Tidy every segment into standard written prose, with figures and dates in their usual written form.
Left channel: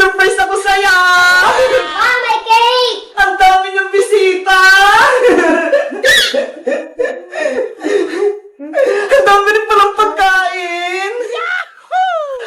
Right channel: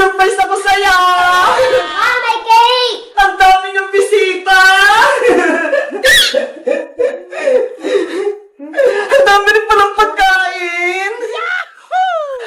surprise ako sa'yo! May cake! Ang dami niyong bisita! Ang dami rin palang pagkain!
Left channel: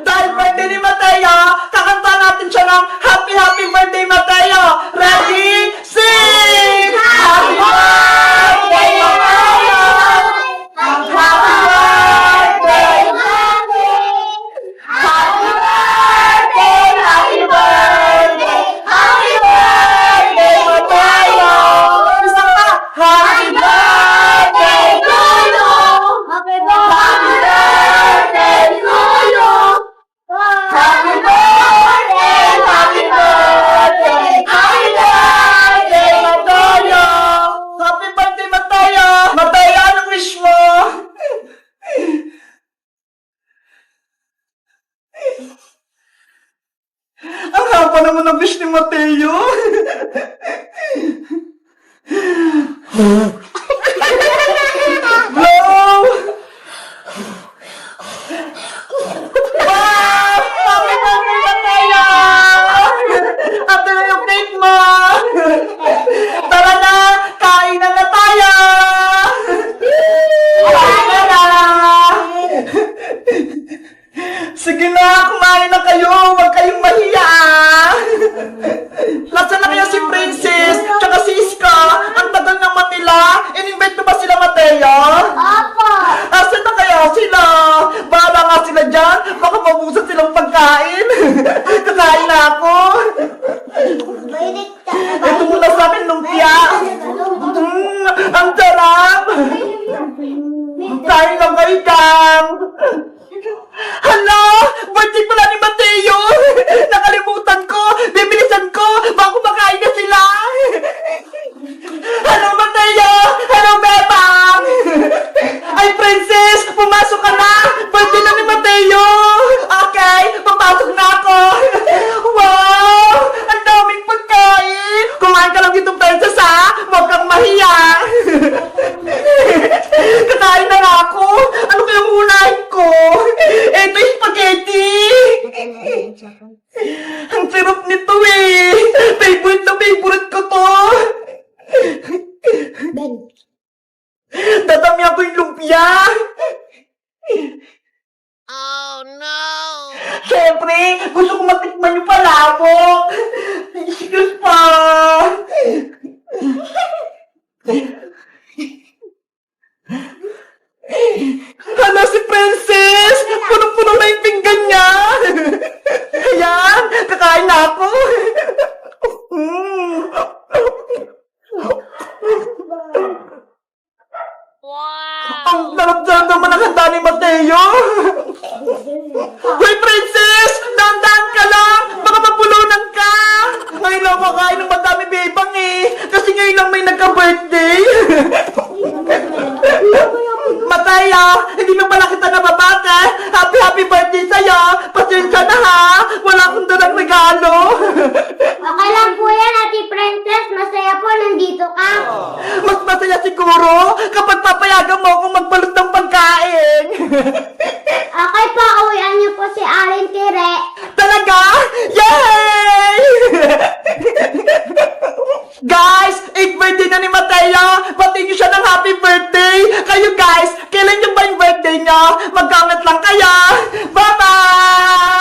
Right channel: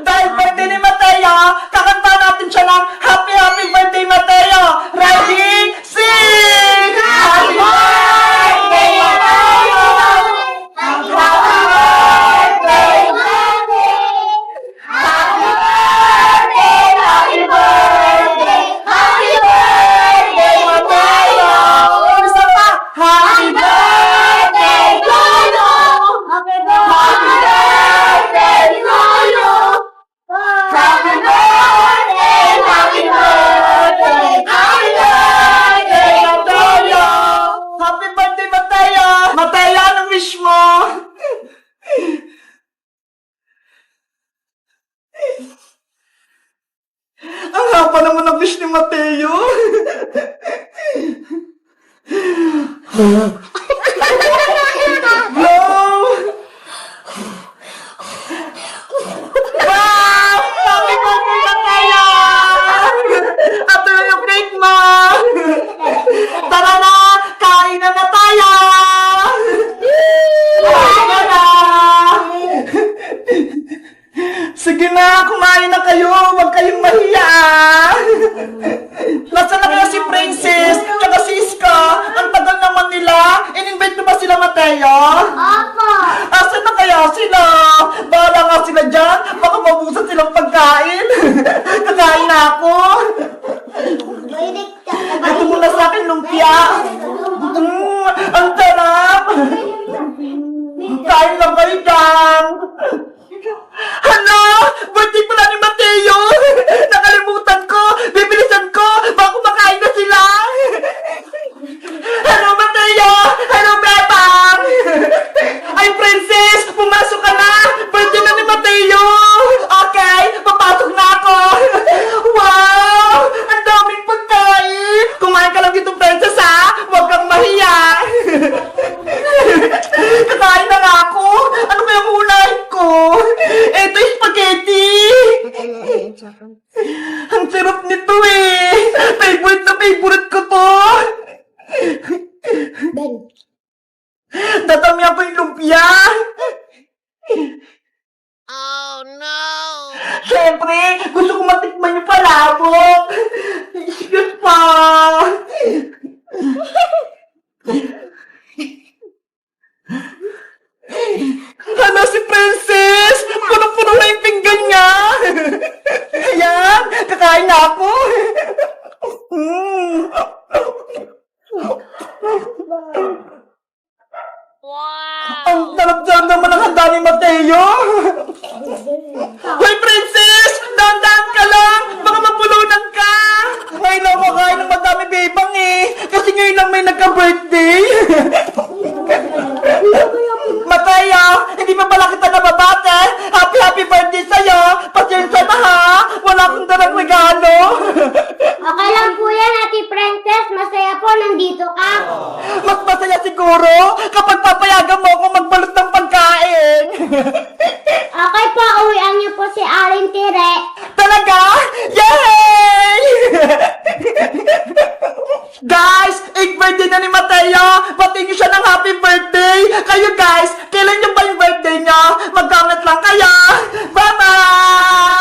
Dahil birthday ni Mateo, kakanta natin siya ng Happy Happy Birthday Mateo! Ready? Sing! Happy Birthday Mateo! Happy Birthday! Happy Birthday! Happy Birthday! Happy Birthday Mateo! Isa pa! Happy Birthday Lolo! Happy Happy Birthday Lolo! Happy birthday, happy birthday, happy birthday, Mateo! Happy birthday, Mateo! Mateo, anong wish mo? Ang haba naman ang wish ni Mateo. Wow! Wow! Happy birthday, Mateo! Ito na yung cake mo! Tara na! Kain na na tayo! Kain na na! Sige na, kumain na kayo! Huwag kayong mahiya! Nasaan na kaya si Princess? Tsaka si Iska? Ang tagal naman nila! In-invite mo ba sila, Mateo? Opo! Asan na kaya sila? Bahala nga sila dyan. Baka mabusan silang pagkain. Kakain na ako. Ito muna sa akin, lumpia. Ang sarap. Kain lang kayo dyan. Hala! Birthday pala ni Mateo! Nakalimutan ko! Bibilisan ko! Baka kumakain na sila! Hello, Mateo! Hello, Bebang! Ay, Princess! Pumasok ka na! Birthday na ni Mateo! Okay, papasok na ako! Wow! Ang daming pagkain! Kumain ka lang dito, Princess, ha? Huwag kang mahiya! Kakain na nga ako! Ano kayang unahin ko? Eto yung spaghetti! Ang sarap nito eh! Favorite na favorite ko to! Ben. Dadami ako yung lumpia! Oh no! Siyempre, gusto ko matikman yung palabok! Excuse pa! Hala si Princess! Punong-puno na yung pinggan niya! Ayan! Kakain na ako! Wow! Ang sarap-sarap naman ang handa ni Mateo! Hoy, Princess! Dahan-dahan ka lang! Baka mapulunan ka! Ngayon lang kakain ng madami bebang eh! Kasi ngayon lang may nagka-birthday! Mateo! Hindi mo pala kita nababate! Happy happy birthday sa'yo! Pasensya na ha! Wala akong dalang regalo! Okay lang po yan, Ate Princess. Masaya po nandito ka. Mas masaya siguro kapag papayagan mo akong magbalot ng pagkain! Okay po, uwian niyo po si Aling Tire. Talaga? Yay! Guys, 8th birthday na ni Mateo! Batiin niyo siya ng happy birthday! Kayo guys, kailan niyo ba yung birthday niya? Magkangat lang kaya! Bye-bye!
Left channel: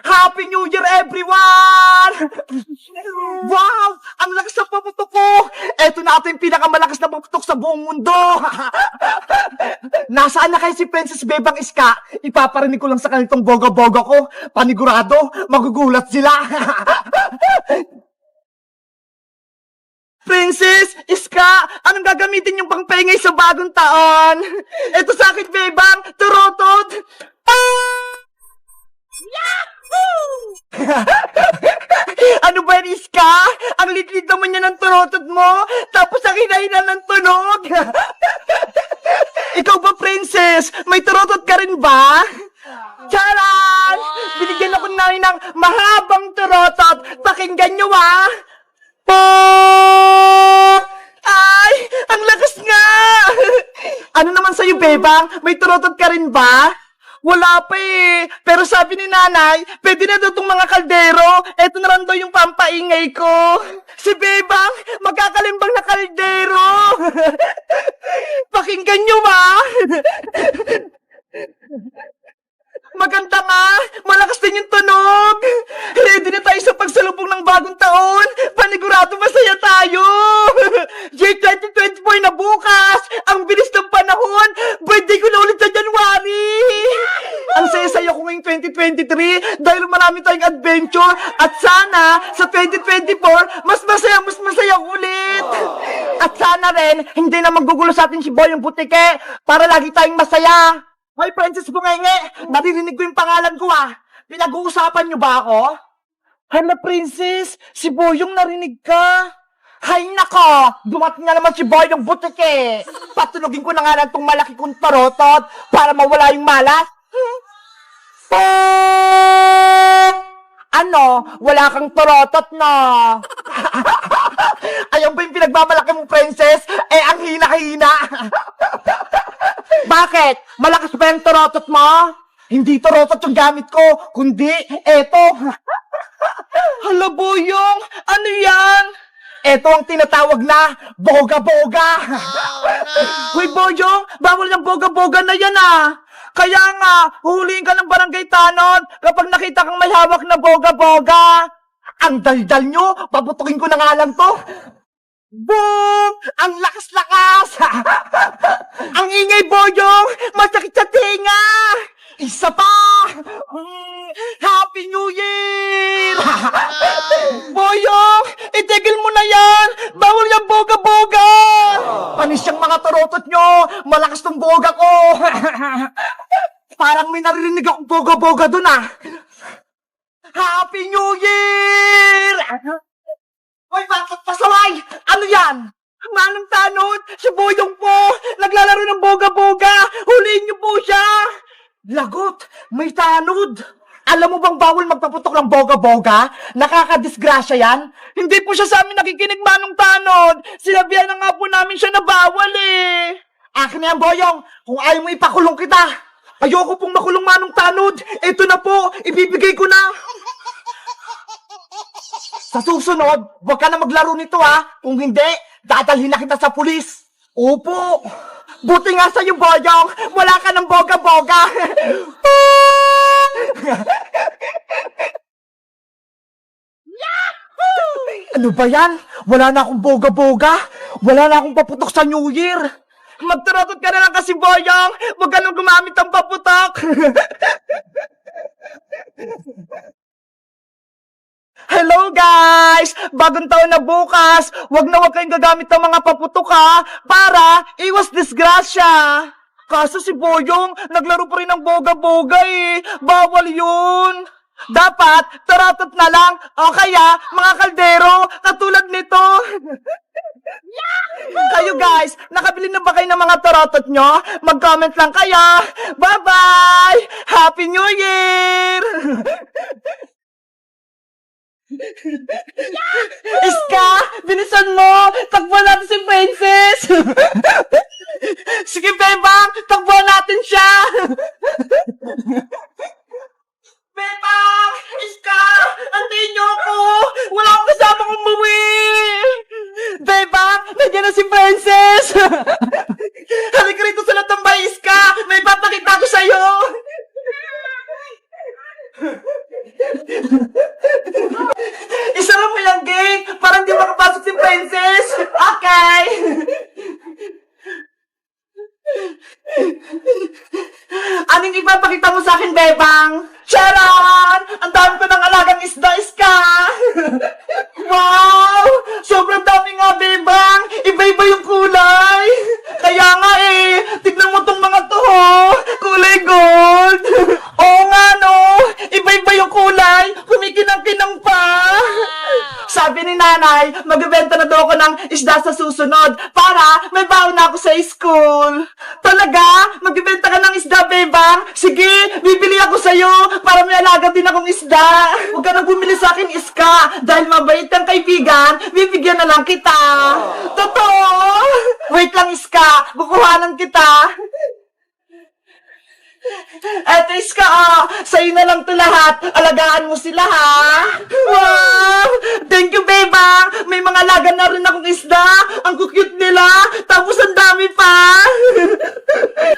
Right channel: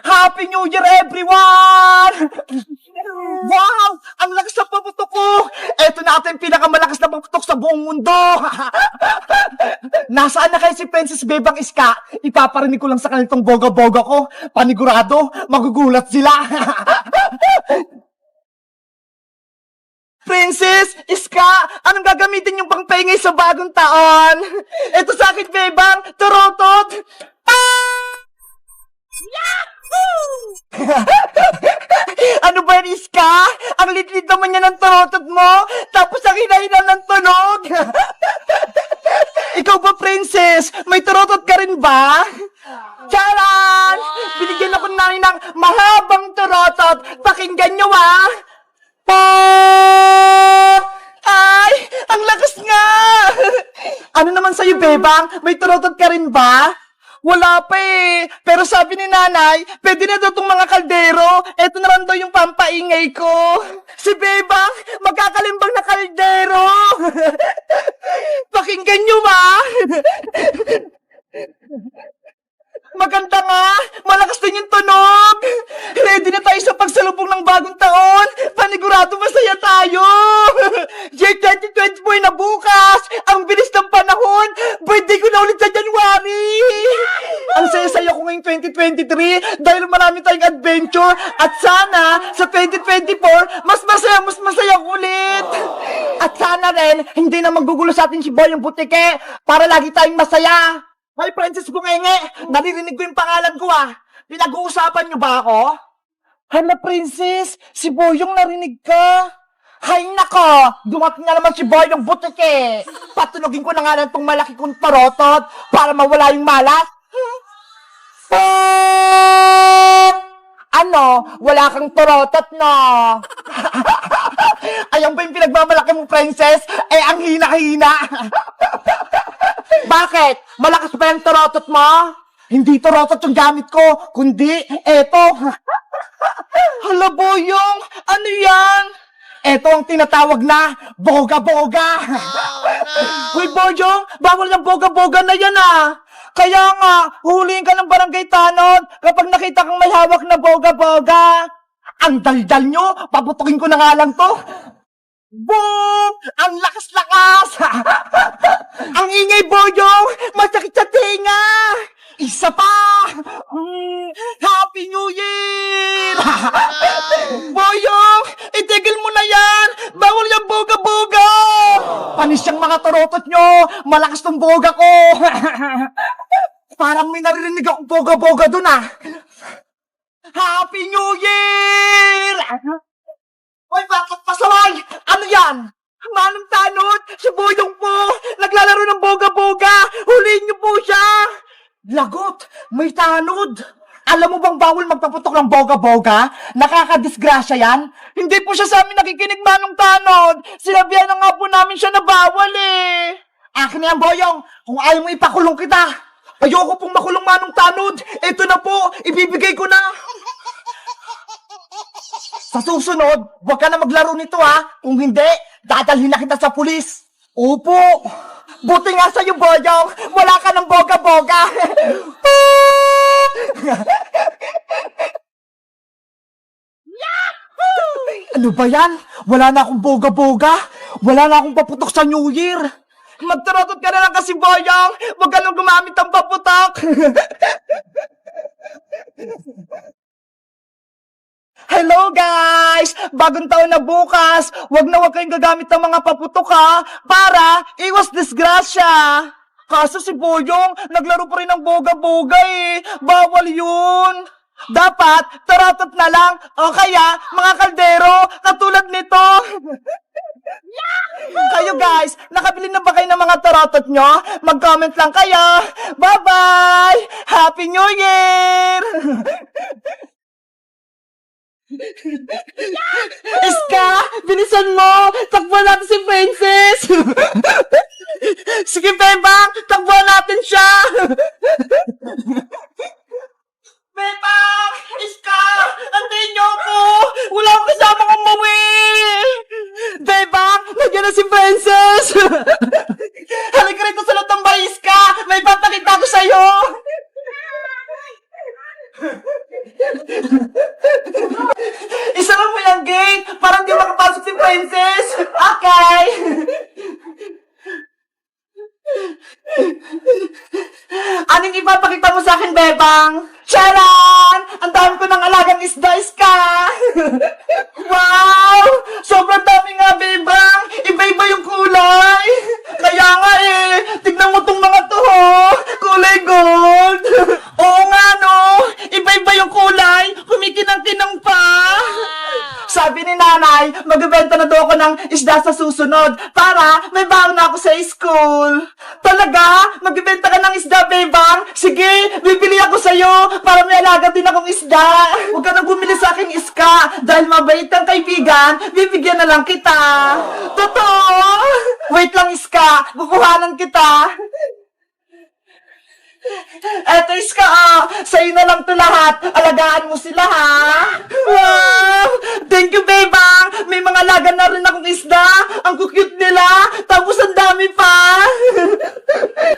Happy New Year, everyone! Wow! Ang lakas na paputok ko! Eto na ito yung pinakamalakas na paputok sa buong mundo! Nasaan na kayo si Princess Bebang Iska? Ipaparinig ko lang sa kanilang boga-boga ko. Panigurado, magugulat sila! Princess, Iska, anong gagamitin yung pangpengay sa bagong taon? Eto sa akin, Bebang, turotot! Ano ba yan, Iska? Ang litlit naman niya ng turotot mo, tapos ang hinahinan ng tunog. Ikaw ba, Princess? May turotot ka rin ba? Charan! Binigyan ako namin ng mahabang turotot. Pakinggan nyo, ah! Pop! Ay! Ang lakas nga! Ano naman sa'yo, Bebang? May turotot ka rin ba? Wala pa eh. Pero sabi ni nanay, pwede na daw itong mga kaldero. Eto na lang daw yung pampaingay ko. Si Bebang, magkakalimbang na kaldero. Pakinggan nyo ba? Maganda nga! Malakas din yung tunog! Ready na tayo sa pagsalubong ng bagong taon! Panigurado masaya tayo! Year 2024 na bukas! Ang bilis ng panahon! Birthday ko na ulit sa January! Ang saya-saya ko ngayong 2023 dahil marami tayong adventure at sana sa 2024 mas masaya ulit! At sana rin hindi na magugulo sa atin si Boyong Butike para lagi tayong masaya! Hoy, Princess Gumenge! Naririnig ko yung pangalan ko ah! Pinag-uusapan niyo ba ako? Hala, Princess! Si Boyong narinig ka! Hay nako! Dumating na naman si Boyong Butike! Patulogin ko na nga lang tong malaki kong tarotot para mawala yung malas! Ano? Wala kang tarotot na! Ayan ba yung pinagmamalaki mong Princess? Eh, ang hina-hina! Bakit? Malakas ba yung torotot mo? Hindi torotot yung gamit ko, kundi eto. Hala, Boyong, ano yan? Eto ang tinatawag na boga-boga. Uy, Boyong, bawal yung boga-boga na yan ah. Kaya nga, huliin ka ng barangay tanod kapag nakita kang may hawak na boga-boga. Ang daldal nyo, paputukin ko na nga lang to. Boom! Ang lakas-lakas! Ang ingay, Boyong! Masakit sa tinga! Isa pa! Happy New Year! Boyong! Itigil mo na yan! Bawal yung boga-boga! Panis yung mga tarotot nyo! Malakas tong boga ko! Parang may naririnig akong boga-boga dun ah! Happy New Year! Hoy, bakit pasaway? Ano yan? Manong tanod, si Boyong po, naglalaro ng boga-boga, huliin niyo po siya! Lagot, may tanod! Alam mo bang bawal magpaputok ng boga-boga? Nakakadisgrasya yan? Hindi po siya sa amin nakikinig, Manong tanod! Sinabihan na nga po namin siya na bawal eh! Akin na yan, Boyong, kung ayaw mo ipakulong kita! Ayoko pong makulong, Manong tanod! Ito na po, ibibigay ko na! Sa susunod, huwag ka na maglaro nito ha. Kung hindi, dadalhin na kita sa pulis. Opo. Buti nga sa'yo, Boyong. Wala ka ng boga-boga. Ano ba yan? Wala na akong boga-boga. Wala na akong paputok sa New Year. Magtarotot ka na lang kasi, Boyong. Huwag ka nang gumamit ng paputok. Hello guys! Bagong taon na bukas! Huwag kayong gagamit ng mga paputok ha! Para iwas disgrasya! Kaso si Boyong, naglaro pa rin ng boga-boga eh! Bawal yun! Dapat, tarotot na lang! O kaya, mga kaldero, katulad nito! Kayo guys, nakabili na ba kayo ng mga tarotot nyo? Mag-comment lang kayo! Bye-bye! Happy New Year! Iska! Bilisan mo! Takbuhan natin si Princess! Sige, Bebang! Takbuhan natin siya! Bebang! Iska! Antayin niyo ako! Wala akong kasama kong umuwi! Bebang! Nandiyan na si Princess! Halika rito sa latambay, Iska! May papakita ko sa'yo! Isara mo yung gate para hindi makapasok si Princess. Okay. Anong ipapakita mo sa akin, Bebang? Charan! Ang dami ko ng alagang isda, Iska! Wow! Sobrang dami nga, Bebang! Iba-iba yung kulay! Kaya nga eh, tignan mo tong mga to, ho! Kulay gold! Oo nga, no! Iba-iba yung kulay! Kumikinang-kinang pa! Sabi ni nanay, magbebenta na daw ako ng isda sa susunod para may baon na ako sa school. Talaga? Magbebenta ka ng isda, Bebang? Sige, bibili ako sa'yo para may alaga din akong isda. Huwag ka nang bumili sa akin, Iska. Dahil mabait ang kaibigan, bibigyan na lang kita. Totoo? Wait lang, Iska. Kukuhanan kita. Eto Iska, sa'yo na lang to lahat. Alagaan mo sila, ha? Wow! Thank you, Bebang! May mga lagan na rin akong isda. Ang cute nila. Tapos ang dami pa.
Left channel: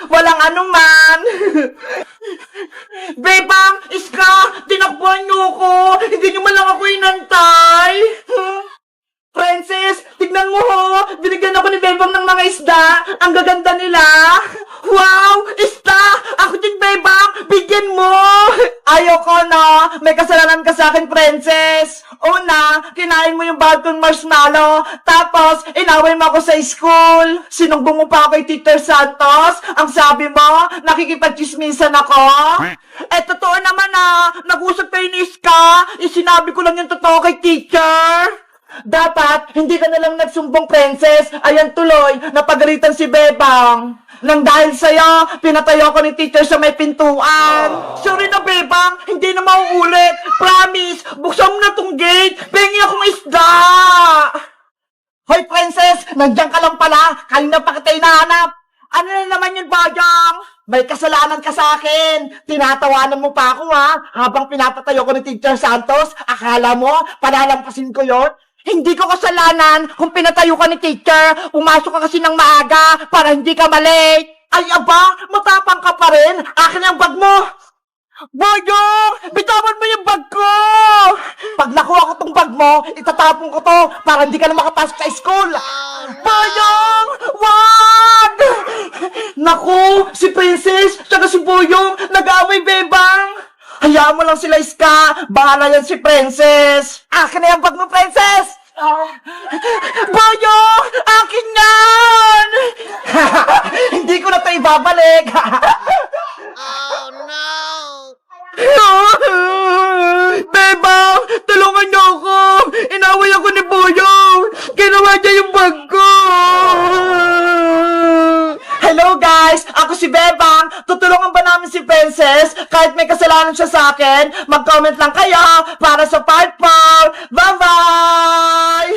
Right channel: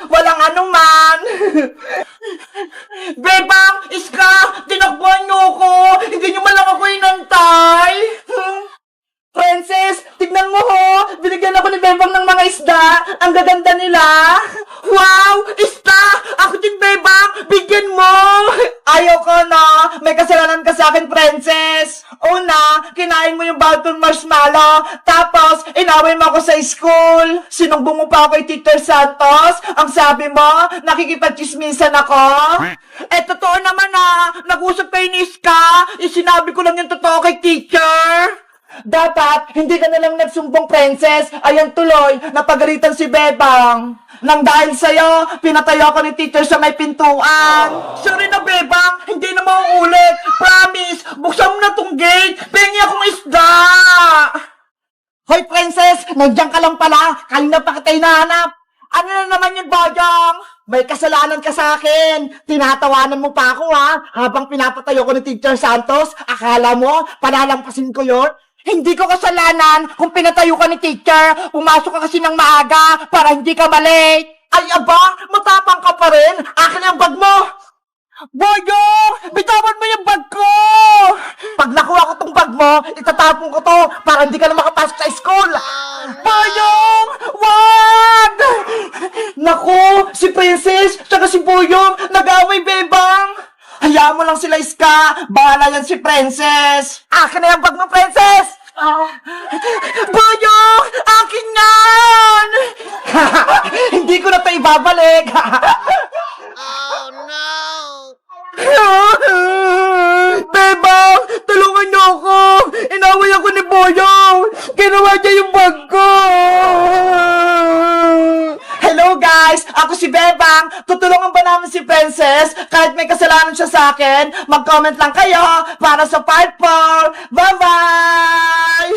Walang anuman. Bebang! Iska! Tinakbuhan niyo ako! Hindi niyo man lang ako inantay! Princess! Tignan mo ho! Binigyan ako ni Bebang ng mga isda! Ang gaganda nila! Wow! Isda! Ako din, Bebang! Bigyan mo! Ayoko na! May kasalanan ka sa akin, Princess! Una, kinain mo yung bagong marshmallow. Tapos, inaway mo ako sa school. Sinumbong mo pa ako kay Teacher Santos. Ang sabi mo, nakikipagchismisan ako. Eh, totoo naman nag-usap kayo ni Iska. Sinabi ko lang yung totoo kay Teacher. Dapat, hindi ka nalang nagsumbong, Princess. Ayan tuloy, napagalitan si Bebang. Nang dahil sa'yo, pinatayo ko ni Teacher sa may pintuan. Sorry na, Bebang, hindi na mauulit. Promise, buksan mo na tong gate. Pengi akong isda. Hoy, Princess, nandiyan ka lang pala. Kanina pa kita hinahanap. Ano na naman yun, Bajang? May kasalanan ka sa akin. Tinatawanan mo pa ako, ha? Habang pinapatayo ko ni Teacher Santos, akala mo, palalampasin ko yon? Hindi ko kasalanan kung pinatayo ka ni Teacher. Pumasok ka kasi ng maaga para hindi ka malate. Ay, aba, matapang ka pa rin. Akin ang bag mo. Boyong, bitawan mo yung bag ko. Pag nakuha ko tong bag mo, itatapon ko to para hindi ka na makapasok sa school. Boyong, wag! Naku, si Princess, tsaka si Boyong, nag-away, Bebang. Hayaan mo lang sila, Iska. Bahala yan si Princess. Akin na yung bag mo, Princess. Boyong, akin yan. Hindi ko na ito ibabalik. Oh no! Bebang, tulungan niyo ako. Inaway ako ni Boyong. Ginawa niya yung bag ko. Hello guys, ako si Bebang. Tutulungan ba namin si Princess? Kahit may kasalanan siya sa akin, mag-comment lang kayo para sa 5-4. Bye-bye!